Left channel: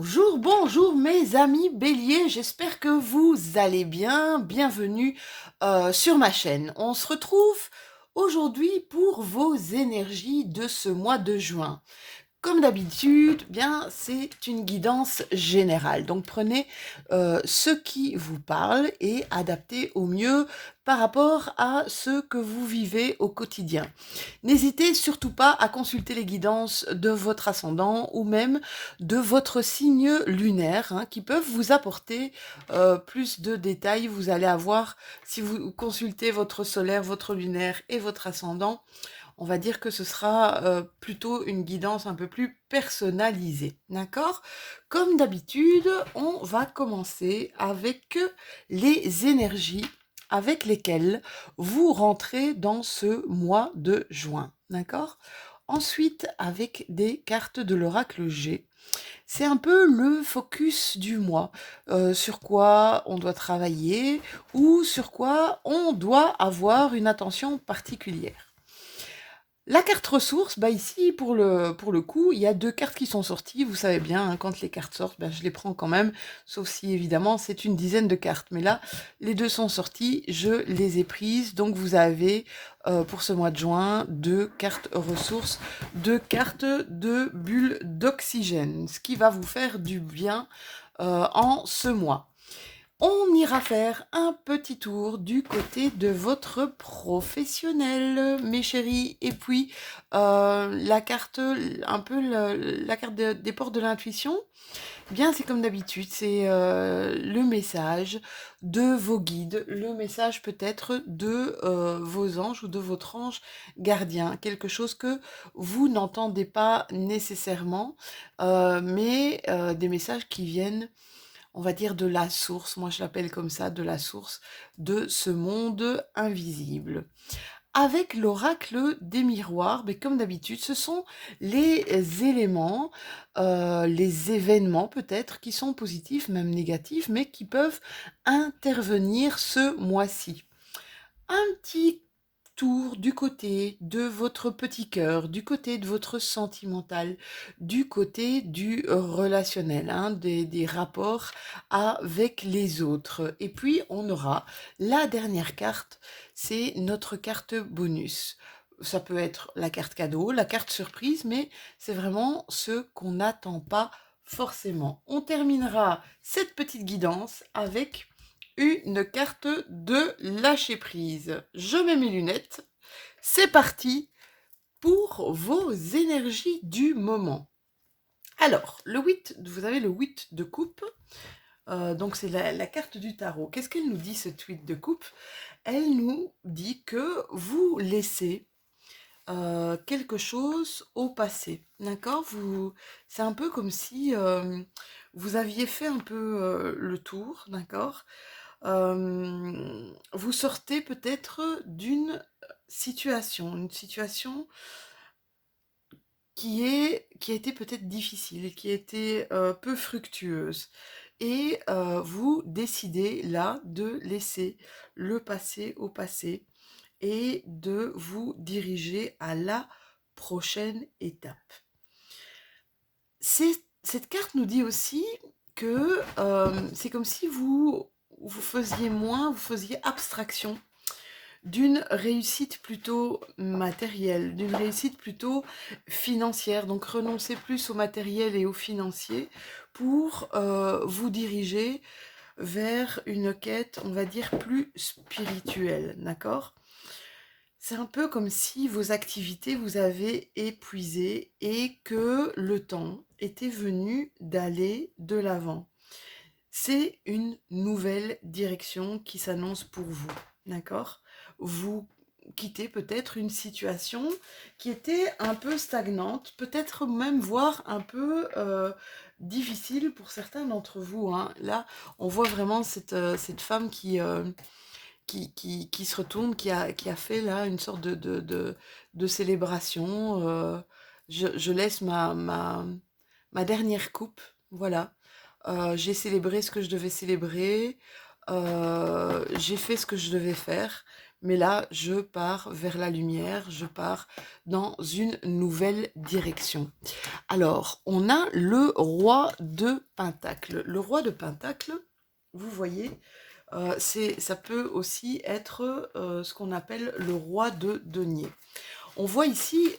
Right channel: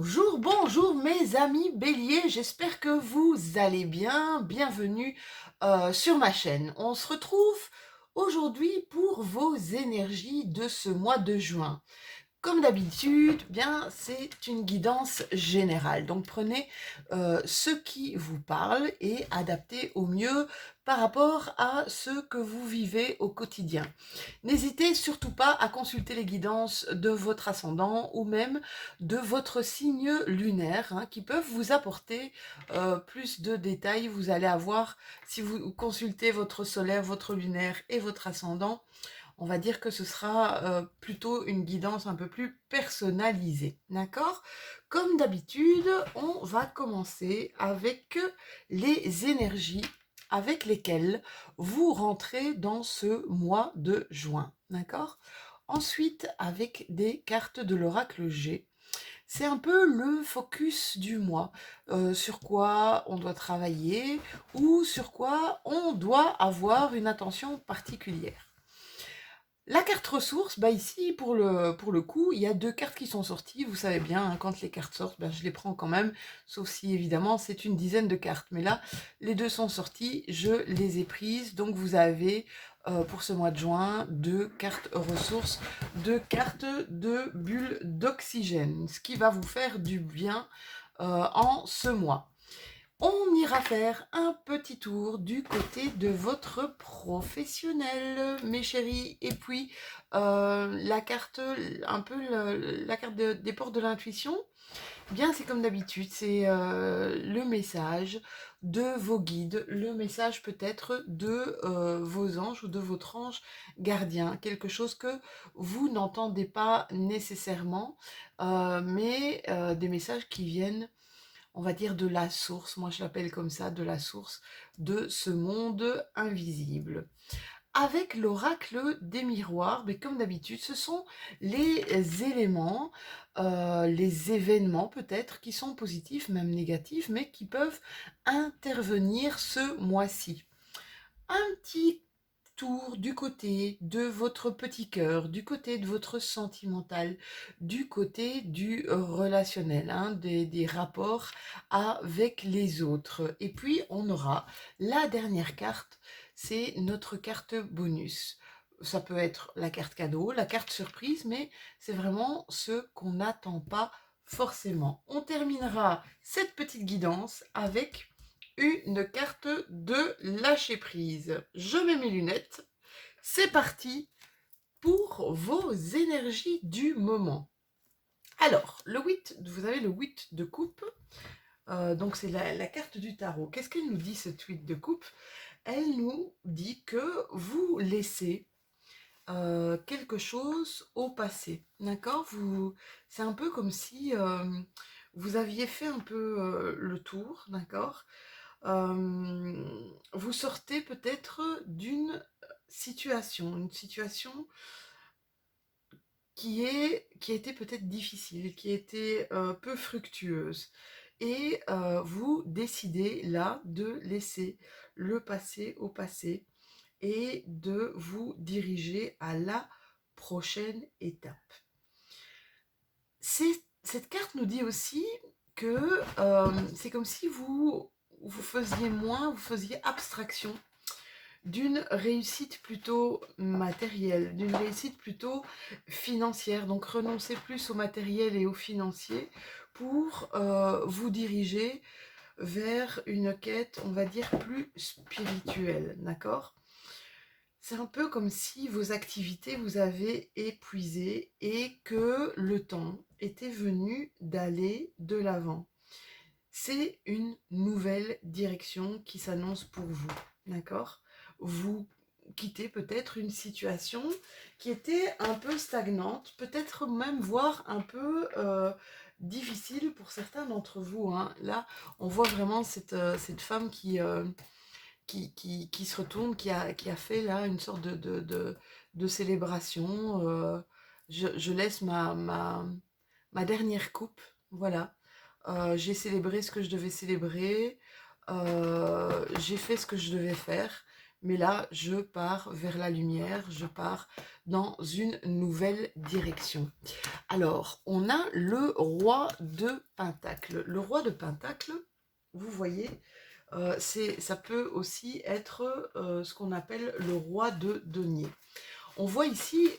Bonjour, bonjour mes amis béliers, j'espère que vous allez bien. Bienvenue sur ma chaîne. On se retrouve aujourd'hui pour vos énergies de ce mois de juin. Comme d'habitude, bien, c'est une guidance générale. Donc prenez ce qui vous parle et adaptez au mieux par rapport à ce que vous vivez au quotidien. N'hésitez surtout pas à consulter les guidances de votre ascendant ou même de votre signe lunaire, qui peuvent vous apporter plus de détails. Vous allez avoir, si vous consultez votre solaire, votre lunaire et votre ascendant, on va dire que ce sera plutôt une guidance un peu plus personnalisée, d'accord? Comme d'habitude, on va commencer avec les énergies avec lesquelles vous rentrez dans ce mois de juin, d'accord? Ensuite, avec des cartes de l'oracle G, c'est un peu le focus du mois, sur quoi on doit travailler ou sur quoi on doit avoir une attention particulière. La carte ressources, bah ici, pour le coup, il y a deux cartes qui sont sorties. Vous savez bien, quand les cartes sortent, je les prends quand même, sauf si, évidemment, c'est une dizaine de cartes. Mais là, les deux sont sorties, je les ai prises. Donc, vous avez, pour ce mois de juin, deux cartes ressources, deux cartes de bulles d'oxygène, ce qui va vous faire du bien en ce mois. On ira faire un petit tour du côté de votre professionnel, mes chéris. Et puis, la carte, un peu la carte des portes de l'intuition, bien c'est comme d'habitude, c'est le message de vos guides, le message peut-être de vos anges ou de votre ange gardien, quelque chose que vous n'entendez pas nécessairement, mais des messages qui viennent, on va dire, de la source, moi je l'appelle comme ça, de la source de ce monde invisible. Avec l'oracle des miroirs, mais comme d'habitude, ce sont les éléments, les événements peut-être qui sont positifs, même négatifs, mais qui peuvent intervenir ce mois-ci. Un petit tour du côté de votre petit cœur, du côté de votre sentimental, du côté du relationnel, des rapports avec les autres. Et puis, on aura la dernière carte, c'est notre carte bonus. Ça peut être la carte cadeau, la carte surprise, mais c'est vraiment ce qu'on n'attend pas forcément. On terminera cette petite guidance avec une carte de lâcher prise. Je mets mes lunettes. C'est parti pour vos énergies du moment. Alors, vous avez le 8 de coupe. Donc c'est la carte du tarot. Qu'est-ce qu'elle nous dit, cette 8 de coupe? Elle nous dit que vous laissez quelque chose au passé. D'accord? C'est un peu comme si vous aviez fait un peu le tour, d'accord? Vous sortez peut-être d'une situation, une situation qui a été peut-être difficile, qui a été peu fructueuse. Et vous décidez là de laisser le passé au passé et de vous diriger à la prochaine étape. Cette carte nous dit aussi que c'est comme si vous faisiez abstraction d'une réussite plutôt matérielle, d'une réussite plutôt financière. Donc renoncez plus au matériel et au financier pour vous diriger vers une quête, on va dire, plus spirituelle, d'accord? C'est un peu comme si vos activités vous avaient épuisé et que le temps était venu d'aller de l'avant. C'est une nouvelle direction qui s'annonce pour vous, d'accord? Vous quittez peut-être une situation qui était un peu stagnante, peut-être même voire un peu difficile pour certains d'entre vous, hein. Là, on voit vraiment cette femme qui se retourne, qui a fait là une sorte de célébration. Je laisse ma dernière coupe, voilà. J'ai célébré ce que je devais célébrer, j'ai fait ce que je devais faire. mais là, je pars vers la lumière, je pars dans une nouvelle direction. Alors, on a le roi de Pentacle. Le roi de Pentacle, vous voyez, ça peut aussi être ce qu'on appelle le roi de denier. On voit ici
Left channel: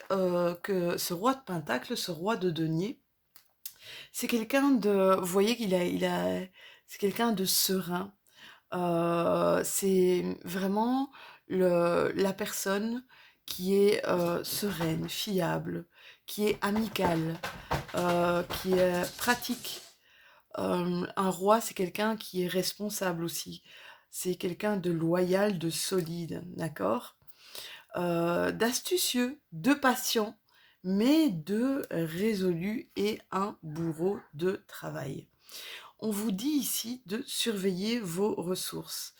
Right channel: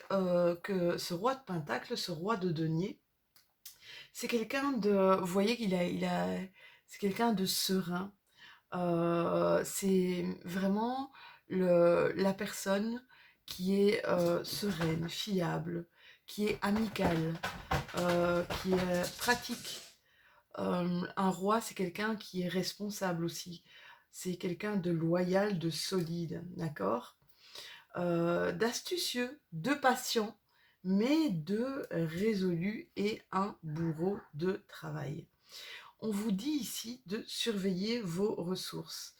que ce roi de Pentacle, ce roi de denier, c'est quelqu'un de, vous voyez c'est quelqu'un de serein. C'est vraiment la personne qui est sereine, fiable, qui est amicale, qui est pratique. Un roi, c'est quelqu'un qui est responsable aussi. C'est quelqu'un de loyal, de solide, d'accord? D'astucieux, de patient, mais de résolu et un bourreau de travail. On vous dit ici de surveiller vos ressources,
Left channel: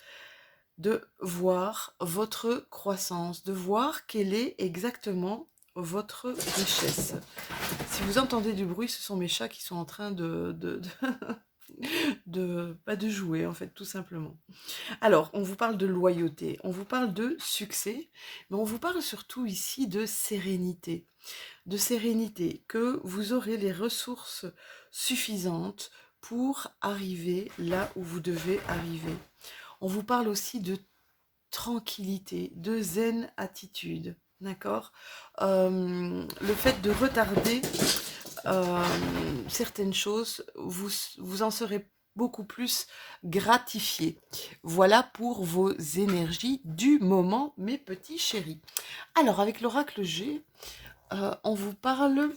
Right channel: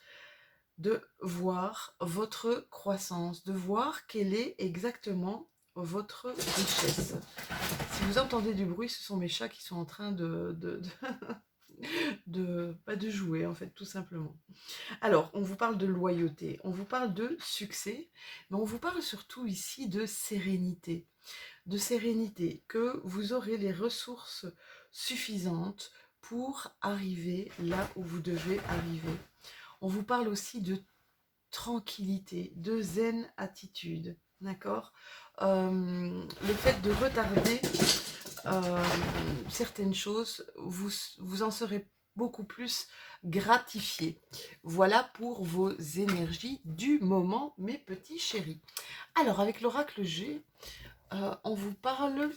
de voir votre croissance, de voir quelle est exactement votre richesse. Si vous entendez du bruit, ce sont mes chats qui sont en train de jouer, en fait, tout simplement. Alors, on vous parle de loyauté, on vous parle de succès, mais on vous parle surtout ici de sérénité. De sérénité, que vous aurez les ressources suffisantes pour arriver là où vous devez arriver. On vous parle aussi de tranquillité, de zen attitude, d'accord. Le fait de retarder certaines choses, vous en serez beaucoup plus gratifié. Voilà pour vos énergies du moment, mes petits chéris. Alors, avec l'oracle G, on vous parle,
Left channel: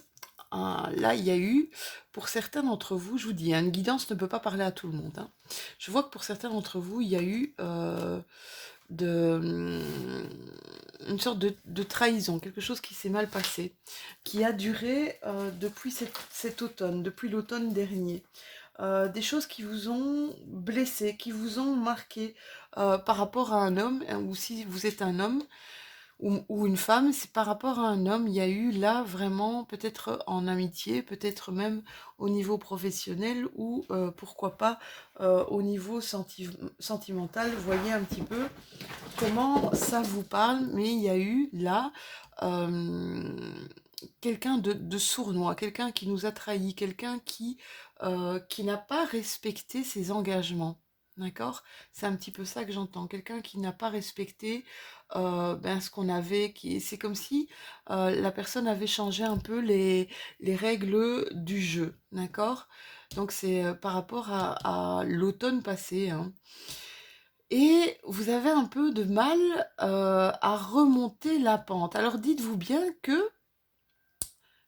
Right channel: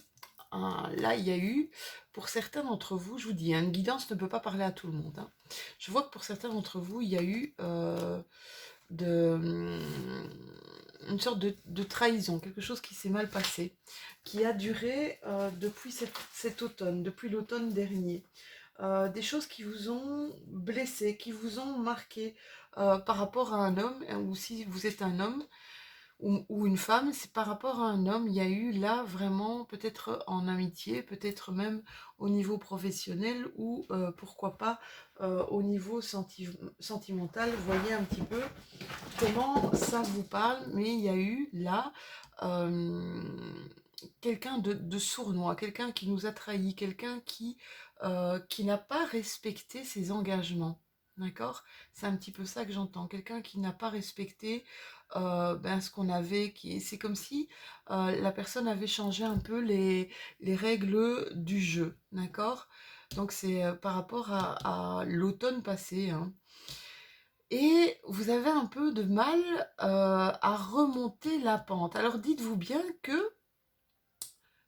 là il y a eu, pour certains d'entre vous, je vous dis, hein, une guidance ne peut pas parler à tout le monde. Hein. Je vois que pour certains d'entre vous, il y a eu une sorte de trahison, quelque chose qui s'est mal passé, qui a duré depuis cet automne, depuis l'automne dernier. Des choses qui vous ont blessé, qui vous ont marqué par rapport à un homme, hein, ou si vous êtes un homme, ou une femme, c'est par rapport à un homme, il y a eu là vraiment, peut-être en amitié, peut-être même au niveau professionnel ou pourquoi pas au niveau sentimental. Voyez un petit peu comment ça vous parle, mais il y a eu là quelqu'un de sournois, quelqu'un qui nous a trahis, quelqu'un qui n'a pas respecté ses engagements. D'accord? C'est un petit peu ça que j'entends. Quelqu'un qui n'a pas respecté ce qu'on avait. C'est comme si la personne avait changé un peu les règles du jeu. D'accord? Donc c'est par rapport à l'automne passé. Hein. Et vous avez un peu de mal à remonter la pente. Alors dites-vous bien que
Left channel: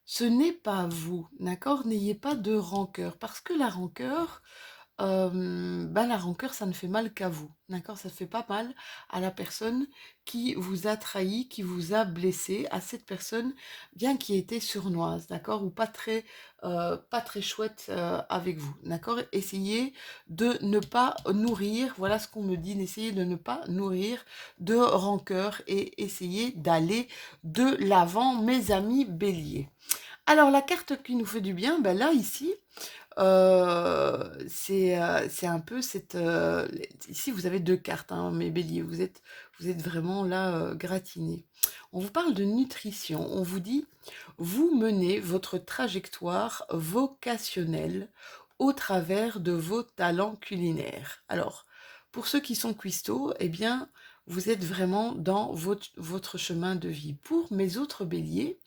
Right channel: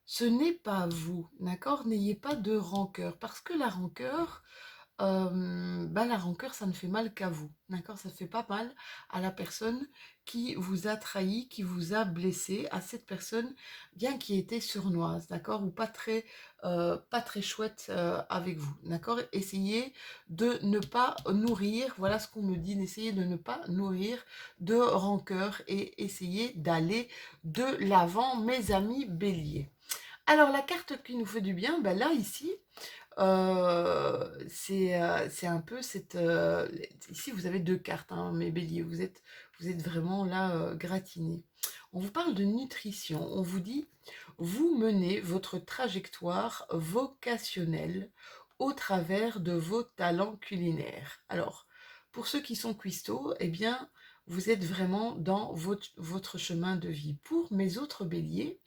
ce n'est pas vous, d'accord? N'ayez pas de rancœur, parce que la rancœur, ça ne fait mal qu'à vous, d'accord? Ça ne fait pas mal à la personne qui vous a trahi, qui vous a blessé, à cette personne, bien qui était sournoise, d'accord? Ou pas très chouette avec vous, d'accord? Essayez de ne pas nourrir, voilà ce qu'on me dit, essayez de ne pas nourrir de rancœur et essayez d'aller de l'avant, mes amis béliers. Alors, la carte qui nous fait du bien, ben là, ici, c'est un peu cette... ici, vous avez deux cartes, hein, mes béliers, vous êtes vraiment là gratinés. On vous parle de nutrition, on vous dit, vous menez votre trajectoire vocationnelle au travers de vos talents culinaires. Alors, pour ceux qui sont cuistots, eh bien, vous êtes vraiment dans votre chemin de vie. Pour mes autres béliers,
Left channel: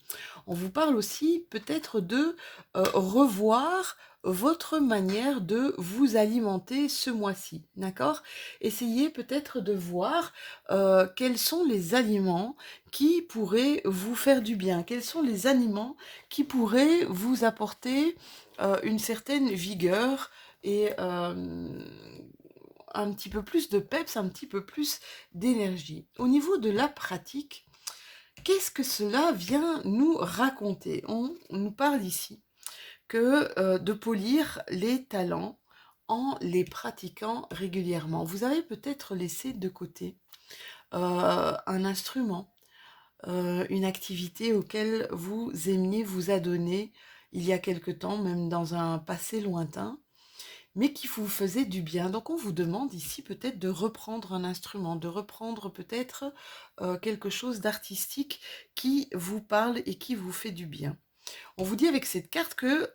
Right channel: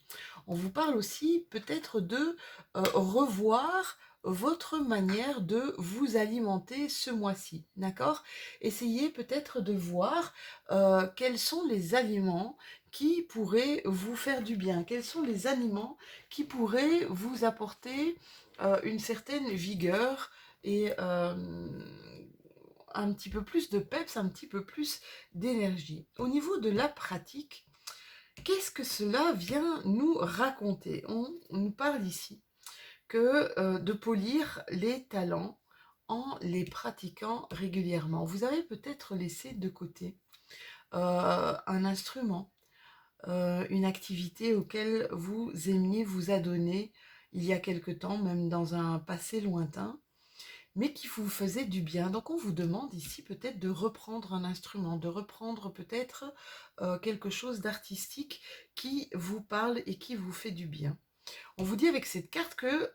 on vous parle aussi peut-être de revoir votre manière de vous alimenter ce mois-ci, d'accord? Essayez peut-être de voir quels sont les aliments qui pourraient vous faire du bien, quels sont les aliments qui pourraient vous apporter une certaine vigueur et un petit peu plus de peps, un petit peu plus d'énergie. Au niveau de la pratique, qu'est-ce que cela vient nous raconter? On nous parle ici que de polir les talents en les pratiquant régulièrement. Vous avez peut-être laissé de côté un instrument, une activité auquel vous aimiez vous adonner il y a quelque temps, même dans un passé lointain, mais qui vous faisait du bien. Donc on vous demande ici peut-être de reprendre un instrument, de reprendre peut-être quelque chose d'artistique qui vous parle et qui vous fait du bien. On vous dit avec cette carte que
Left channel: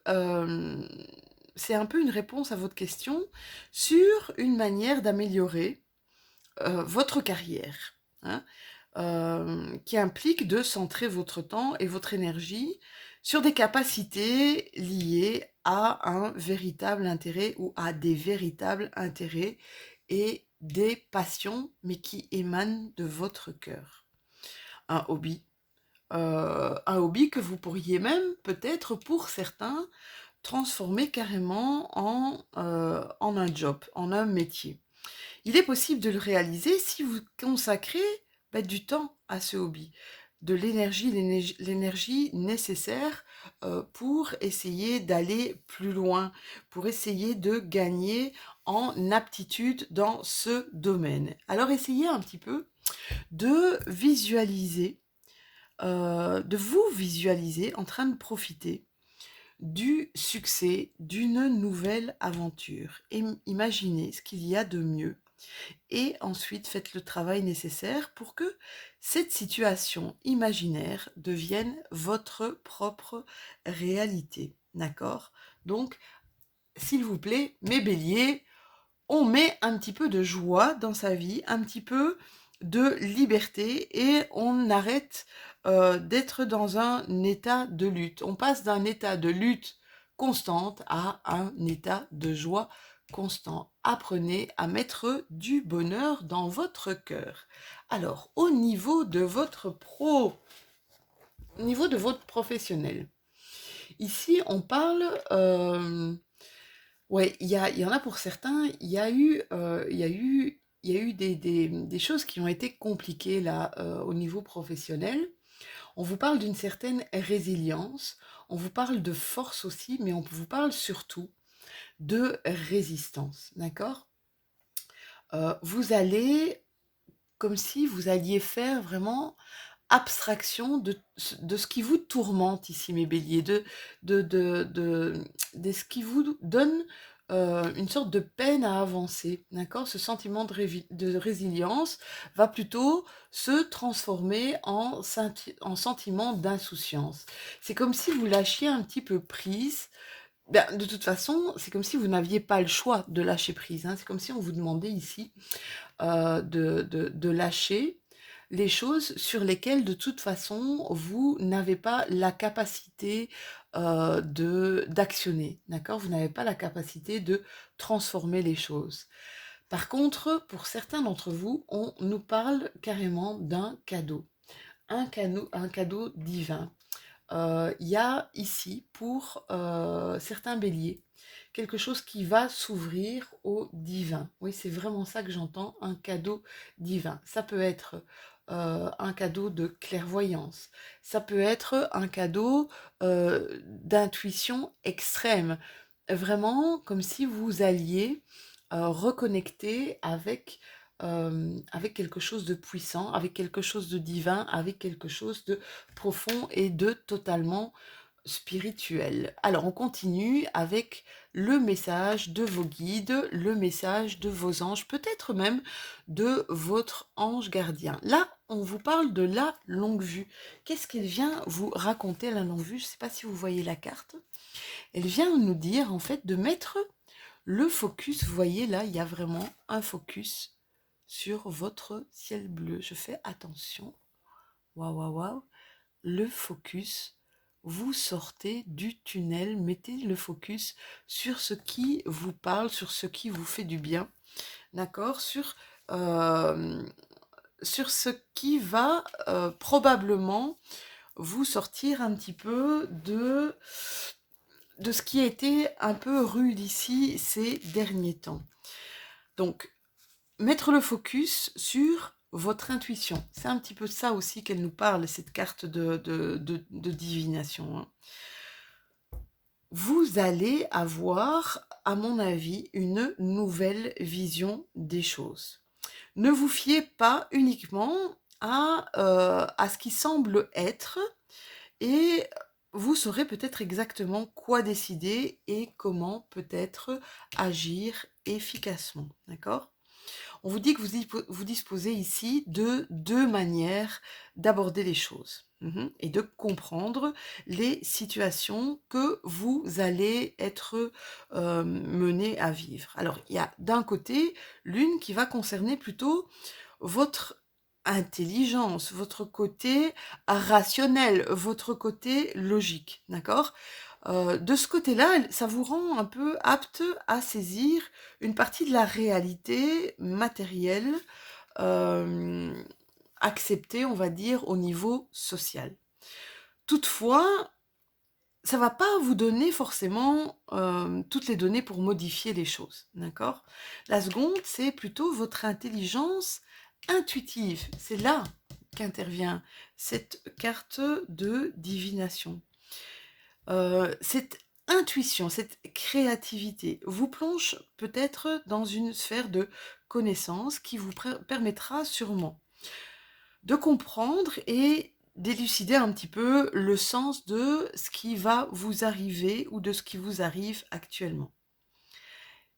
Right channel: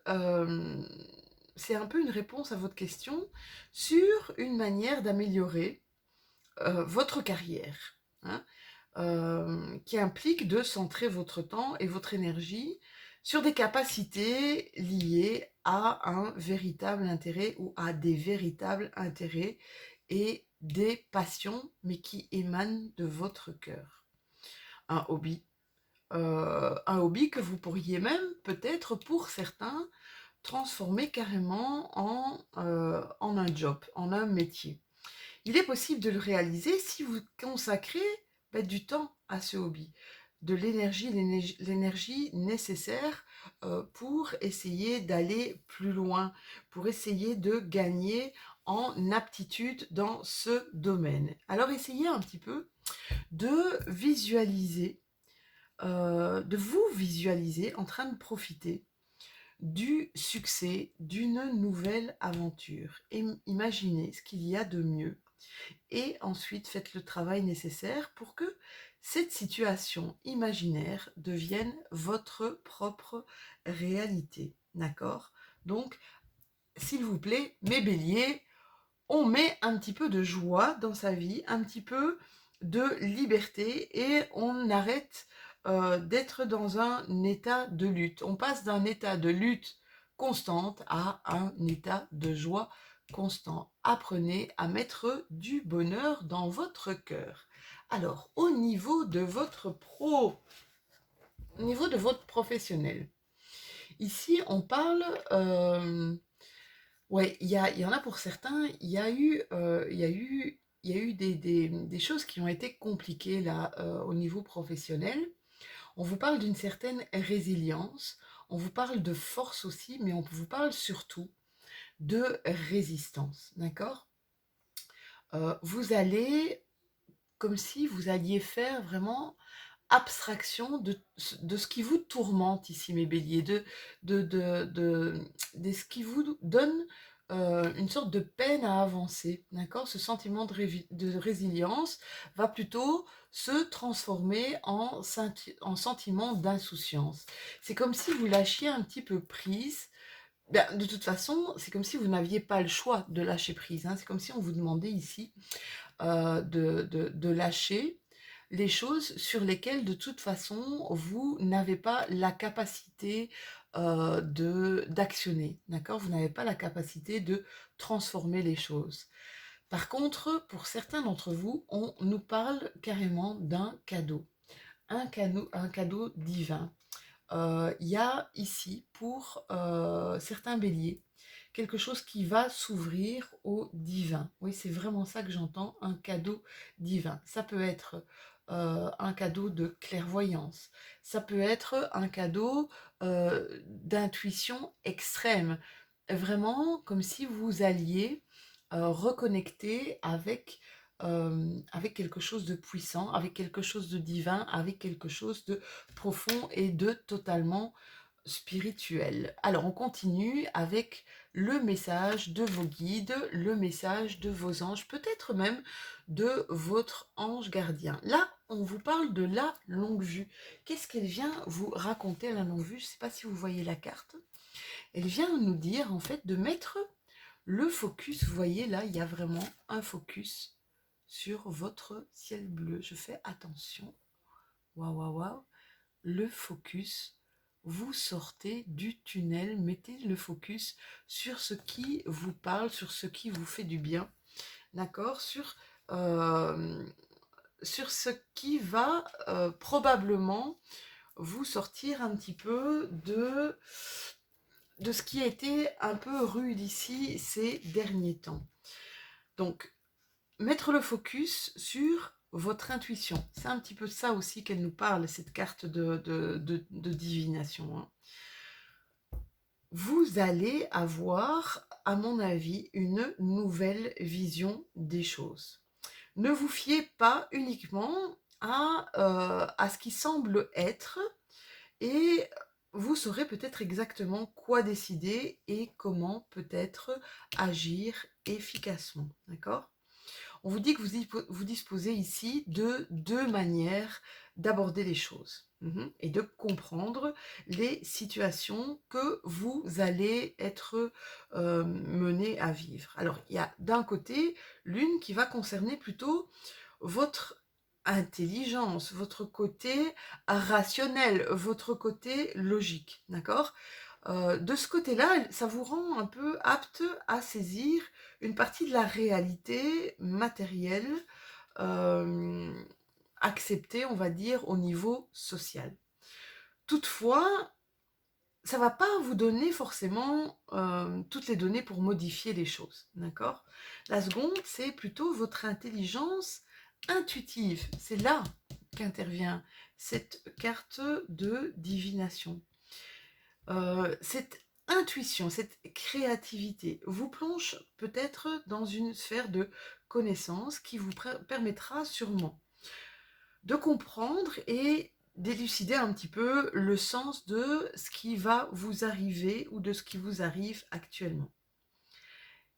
c'est un peu une réponse à votre question sur une manière d'améliorer votre carrière, hein, qui implique de centrer votre temps et votre énergie sur des capacités liées à un véritable intérêt ou à des véritables intérêts et des passions, mais qui émanent de votre cœur. Un hobby. Un hobby que vous pourriez même, peut-être pour certains, transformer carrément en un job, en un métier. Il est possible de le réaliser si vous consacrez du temps à ce hobby, de l'énergie nécessaire pour essayer d'aller plus loin, pour essayer de gagner en aptitude dans ce domaine. Alors essayez un petit peu de visualiser, de vous visualiser en train de profiter du succès d'une nouvelle aventure. Et imaginez ce qu'il y a de mieux et ensuite faites le travail nécessaire pour que cette situation imaginaire devienne votre propre réalité. D'accord? Donc, s'il vous plaît, mes béliers, on met un petit peu de joie dans sa vie, un petit peu de liberté et on arrête d'être dans un état de lutte. On passe d'un état de lutte constante à un état de joie constant. Apprenez à mettre du bonheur dans votre cœur. Alors, au niveau de votre professionnel, ici on parle ouais, il y en a pour certains, il y a eu des choses qui ont été compliquées là au niveau professionnel. On vous parle d'une certaine résilience, on vous parle de force aussi, mais on vous parle surtout de résistance, d'accord? Vous allez, comme si vous alliez faire vraiment abstraction de ce qui vous tourmente ici, mes béliers, de ce qui vous donne une sorte de peine à avancer, d'accord? Ce sentiment de résilience va plutôt se transformer en sentiment d'insouciance. C'est comme si vous lâchiez un petit peu prise. Ben, de toute façon, c'est comme si vous n'aviez pas le choix de lâcher prise, hein. C'est comme si on vous demandait ici de lâcher les choses sur lesquelles de toute façon vous n'avez pas la capacité d'actionner, d'accord? Vous n'avez pas la capacité de transformer les choses. Par contre, pour certains d'entre vous, on nous parle carrément d'un cadeau, un cadeau divin. Il y a ici, pour certains béliers, quelque chose qui va s'ouvrir au divin. Oui, c'est vraiment ça que j'entends, un cadeau divin. Ça peut être un cadeau de clairvoyance, ça peut être un cadeau d'intuition extrême. Vraiment comme si vous alliez reconnecter avec quelque chose de puissant, avec quelque chose de divin, avec quelque chose de profond et de totalement spirituel. Alors on continue avec le message de vos guides, le message de vos anges, peut-être même de votre ange gardien. Là, on vous parle de la longue vue. Qu'est-ce qu'elle vient vous raconter, la longue vue? Je ne sais pas si vous voyez la carte. Elle vient nous dire en fait de mettre le focus. Vous voyez là, il y a vraiment un focus sur votre ciel bleu. Je fais attention. Waouh, waouh, waouh. Le focus. Vous sortez du tunnel, mettez le focus sur ce qui vous parle, sur ce qui vous fait du bien, d'accord? Sur ce qui va probablement vous sortir un petit peu de ce qui a été un peu rude ici ces derniers temps. Donc, mettre le focus sur votre intuition. C'est un petit peu de ça aussi qu'elle nous parle, cette carte de divination, hein. Vous allez avoir, à mon avis, une nouvelle vision des choses. Ne vous fiez pas uniquement à ce qui semble être et vous saurez peut-être exactement quoi décider et comment peut-être agir efficacement, d'accord? On vous dit que vous disposez ici de 2 manières d'aborder les choses, et de comprendre les situations que vous allez être, menés à vivre. Alors, il y a d'un côté, l'une qui va concerner plutôt votre intelligence, votre côté rationnel, votre côté logique, d'accord? De ce côté-là, ça vous rend un peu apte à saisir une partie de la réalité matérielle, hem, acceptée, on va dire, au niveau social. Toutefois, ça va pas vous donner forcément, toutes les données pour modifier les choses, d'accord? La seconde, c'est plutôt votre intelligence intuitive. C'est là qu'intervient cette carte de divination. Cette intuition, cette créativité vous plonge peut-être dans une sphère de connaissance qui vous permettra sûrement de comprendre et d'élucider un petit peu le sens de ce qui va vous arriver ou de ce qui vous arrive actuellement.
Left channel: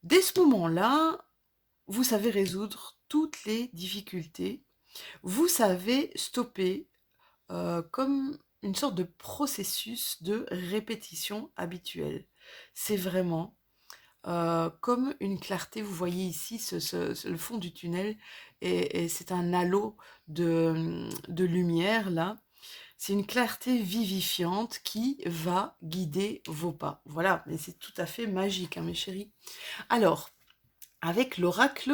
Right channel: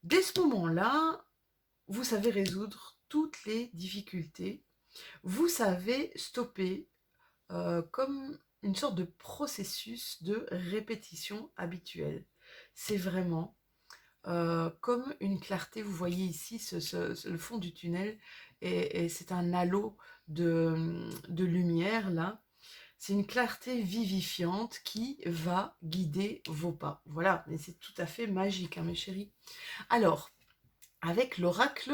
Dès ce moment-là, vous savez résoudre toutes les difficultés, vous savez stopper comme une sorte de processus de répétition habituelle. C'est vraiment comme une clarté. Vous voyez ici le fond du tunnel et c'est un halo de lumière là. C'est une clarté vivifiante qui va guider vos pas. Voilà, mais c'est tout à fait magique, hein, mes chéris. Alors, avec l'oracle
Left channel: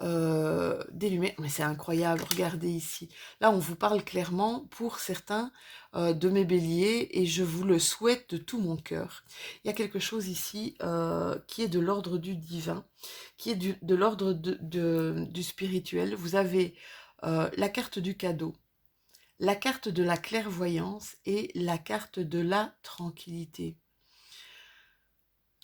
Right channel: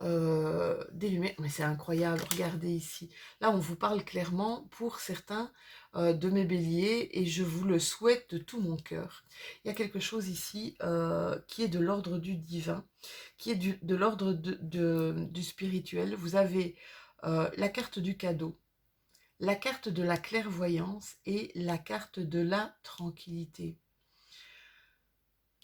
des lumières. Mais c'est incroyable, regardez ici. Là, on vous parle clairement pour certains de mes béliers et je vous le souhaite de tout mon cœur. Il y a quelque chose ici qui est de l'ordre du divin, qui est de l'ordre du spirituel. Vous avez la carte du cadeau, la carte de la clairvoyance et la carte de la tranquillité.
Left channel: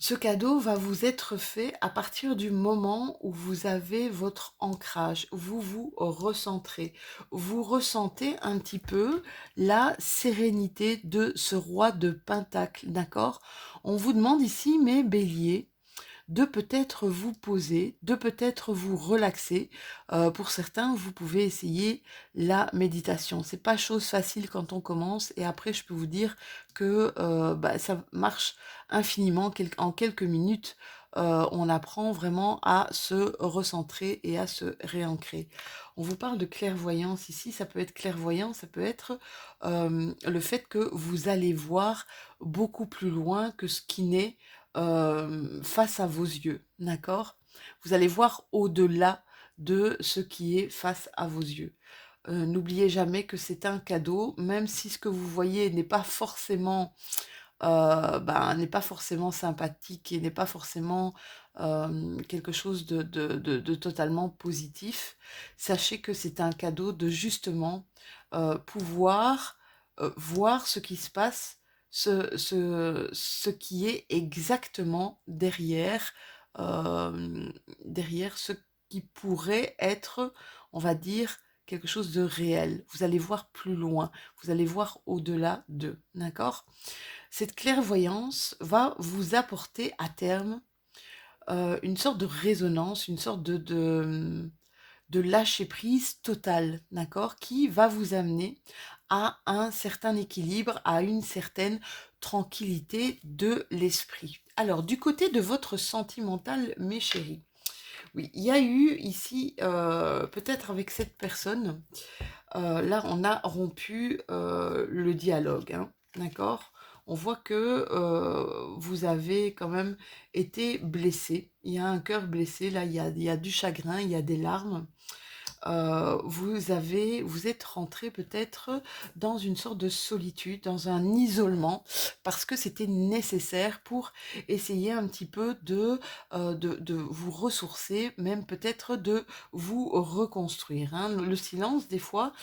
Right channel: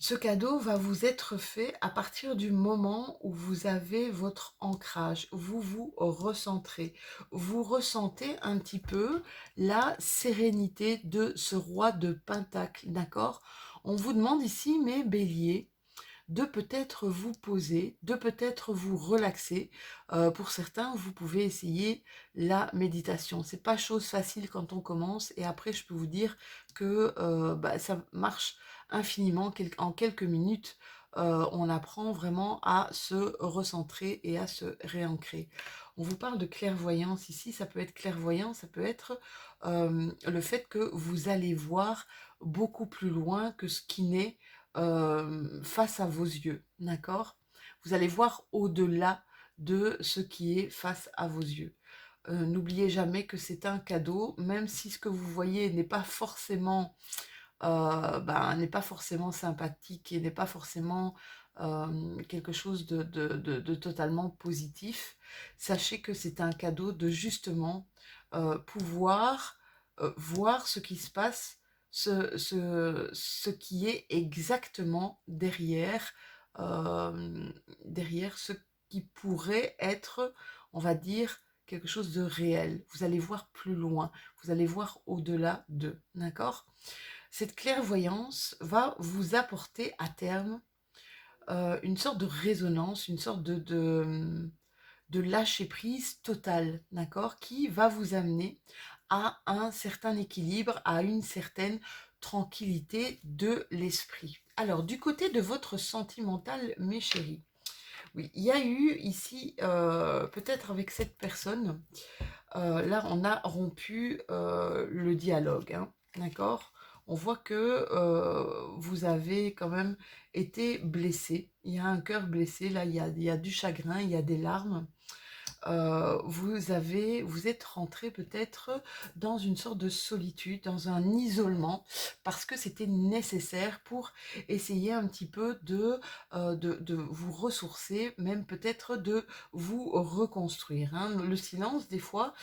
Ce cadeau va vous être fait à partir du moment où vous avez votre ancrage, où vous vous recentrez. Vous ressentez un petit peu la sérénité de ce roi de Pentacle, d'accord? On vous demande ici, mes béliers, de peut-être vous poser, de peut-être vous relaxer. Pour certains, vous pouvez essayer la méditation. C'est pas chose facile quand on commence et après, je peux vous dire que ça marche infiniment. En quelques minutes, on apprend vraiment à se recentrer et à se réancrer. On vous parle de clairvoyance ici, ça peut être clairvoyant, ça peut être le fait que vous allez voir beaucoup plus loin que ce qui n'est face à vos yeux, d'accord? Vous allez voir au-delà de ce qui est face à vos yeux. N'oubliez jamais que c'est un cadeau, même si ce que vous voyez n'est pas forcément sympathique et n'est pas forcément quelque chose de totalement positif. Sachez que c'est un cadeau de justement pouvoir voir ce qui se passe, ce qui est exactement derrière ce qui pourrait être, on va dire, quelque chose de réel. Vous allez voir plus loin, vous allez voir au-delà d'eux, d'accord? Cette clairvoyance va vous apporter à terme une sorte de résonance, une sorte de lâcher prise total, d'accord, qui va vous amener à un certain équilibre, à une certaine tranquillité de l'esprit. Alors, du côté de votre sentimental, mes chéris, oui, il y a eu ici, peut-être avec cette personne, là, on a rompu le dialogue, hein, d'accord? On voit que vous avez quand même été blessé. Il y a un cœur blessé, là, il y a du chagrin, il y a des larmes. Vous êtes rentré peut-être dans une sorte de solitude, dans un isolement, parce que c'était nécessaire pour essayer un petit peu de vous ressourcer, même peut-être de vous reconstruire, hein. Le silence, des fois,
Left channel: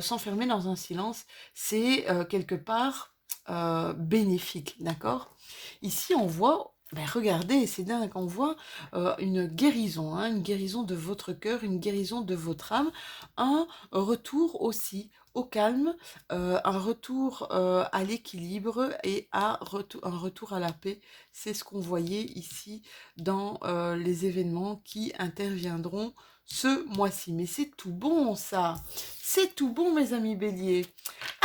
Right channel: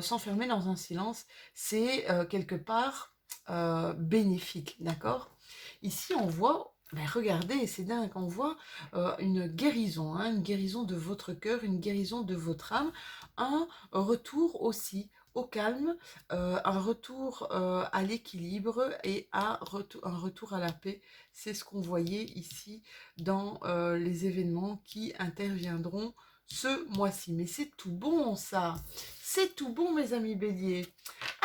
s'enfermer dans un silence, c'est quelque part bénéfique, d'accord? Ici, on voit, ben regardez, c'est dingue, on voit une guérison, hein, une guérison de votre cœur, une guérison de votre âme, un retour aussi au calme, un retour à l'équilibre et un retour à la paix. C'est ce qu'on voyait ici dans les événements qui interviendront ce mois-ci. Mais c'est tout bon ça, c'est tout bon mes amis béliers.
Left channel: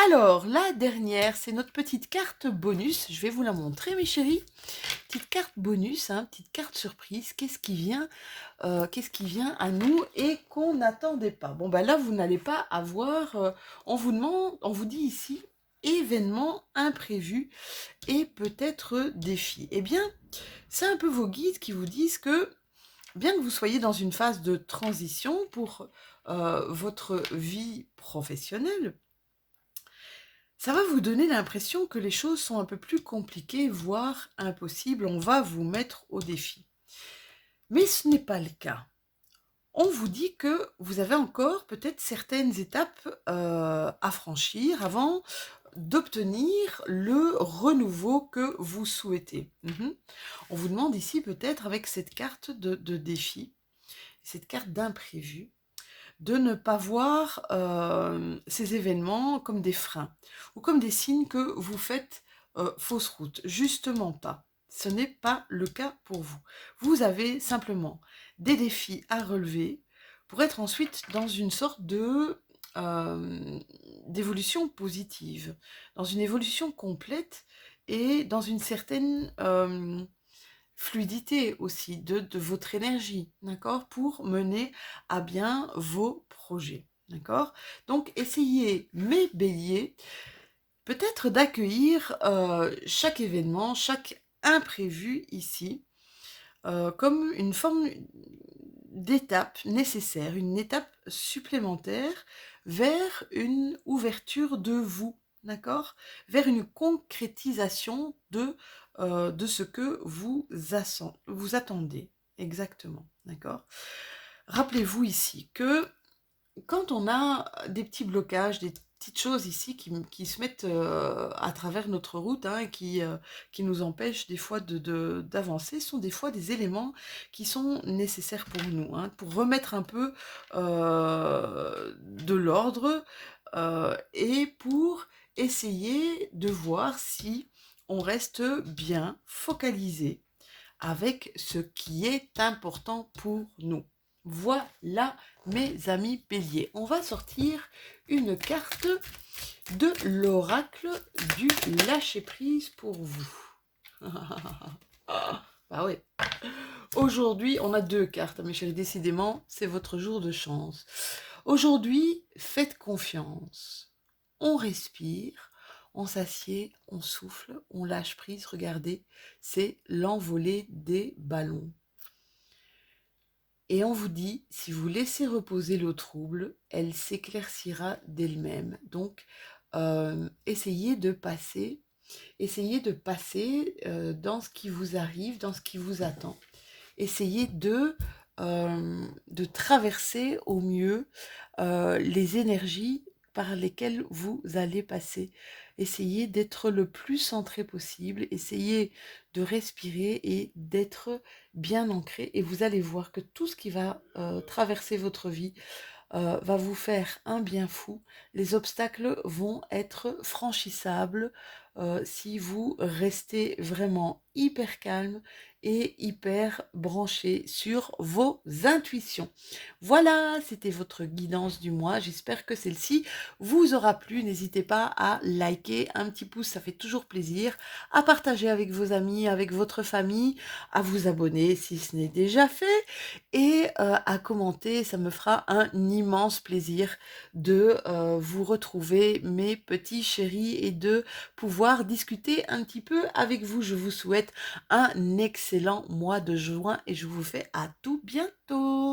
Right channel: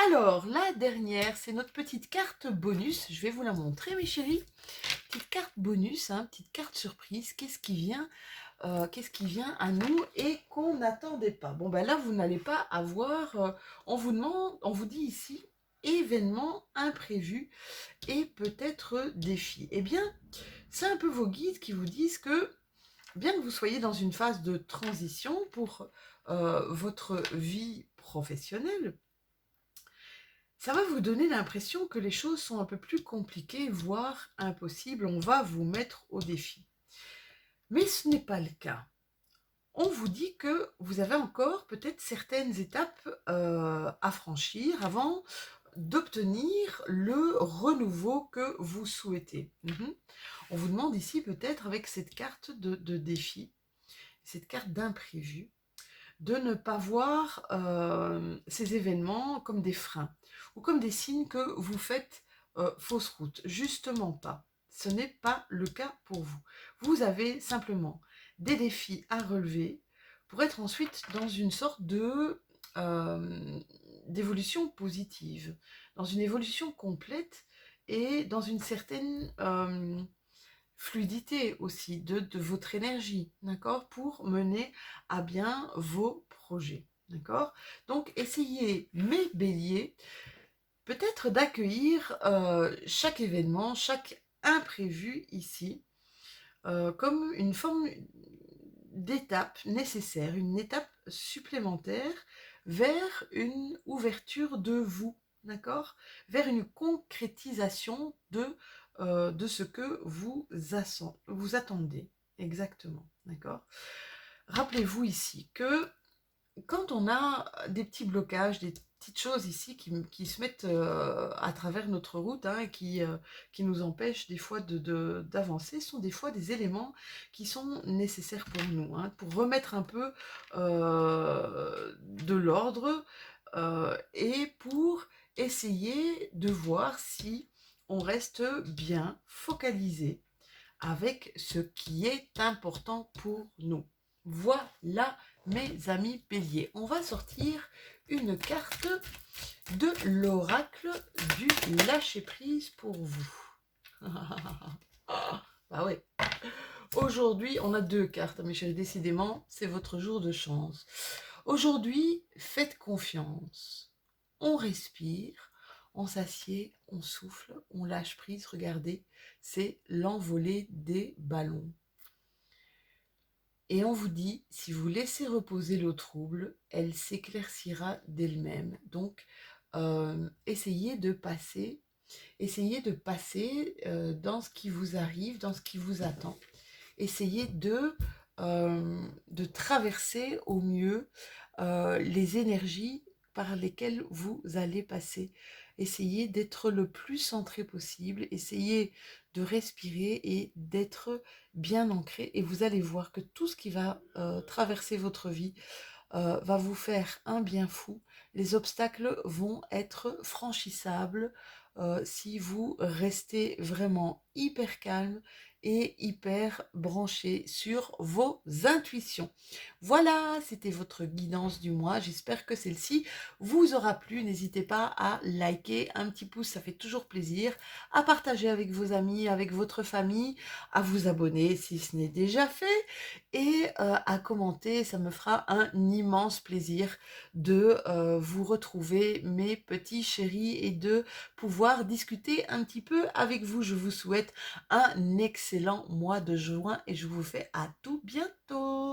Alors la dernière, c'est notre petite carte bonus. Je vais vous la montrer mes chéris. Petite carte bonus, hein, petite carte surprise. Qu'est-ce qui vient à nous et qu'on n'attendait pas. Bon, ben là, vous n'allez pas avoir... on vous demande, on vous dit ici, événement imprévu et peut-être défi. Eh bien, c'est un peu vos guides qui vous disent que, bien que vous soyez dans une phase de transition pour votre vie professionnelle, ça va vous donner l'impression que les choses sont un peu plus compliquées, voire impossibles. On va vous mettre au défi. Mais ce n'est pas le cas. On vous dit que vous avez encore peut-être certaines étapes à franchir avant d'obtenir le renouveau que vous souhaitez. On vous demande ici peut-être avec cette carte de défi, cette carte d'imprévu, de ne pas voir ces événements comme des freins ou comme des signes que vous faites fausse route. Justement pas. Ce n'est pas le cas pour vous. Vous avez simplement des défis à relever pour être ensuite dans une sorte de d'évolution positive, dans une évolution complète et dans une certaine fluidité aussi de votre énergie, d'accord, pour mener à bien vos projets, d'accord. Donc, essayez, mes béliers, peut-être d'accueillir chaque événement, chaque imprévu ici, comme une forme d'étape nécessaire, une étape supplémentaire vers une ouverture de vous, d'accord, vers une concrétisation de ce que vous attendez, exactement, d'accord. Rappelez-vous ici que quand on a des petits blocages, des petites choses ici qui se mettent à travers notre route, hein, et qui nous empêchent des fois d'avancer, sont des fois des éléments qui sont nécessaires pour nous, hein, pour remettre un peu de l'ordre et pour essayer de voir si on reste bien focalisé avec ce qui est important pour nous. Voilà mes amis béliers. On va sortir une carte de l'oracle du lâcher-prise pour vous. Bah ouais. Aujourd'hui, on a deux cartes, mes chéris. Décidément, c'est votre jour de chance. Aujourd'hui, faites confiance. On respire, on s'assied, on souffle, on lâche prise. Regardez, c'est l'envolée des ballons. Et on vous dit, si vous laissez reposer l'eau trouble, elle s'éclaircira d'elle-même. Donc, essayez de passer dans ce qui vous arrive, dans ce qui vous attend. Essayez de traverser au mieux les énergies par lesquelles vous allez passer. Essayez d'être le plus centré possible, essayez de respirer et d'être bien ancré. Et vous allez voir que tout ce qui va traverser votre vie va vous faire un bien fou. Les obstacles vont être franchissables si vous restez vraiment hyper calme et hyper branché sur vos intuitions. Voilà, c'était votre guidance du mois. J'espère que celle-ci vous aura plu. N'hésitez pas à liker, un petit pouce, ça fait toujours plaisir, à partager avec vos amis, avec votre famille, à vous abonner si ce n'est déjà fait et à commenter. Ça me fera un immense plaisir de vous retrouver, mes petits chéris, et de pouvoir discuter un petit peu avec vous. Je vous souhaite un excellent mois de juin et je vous fais à tout bientôt.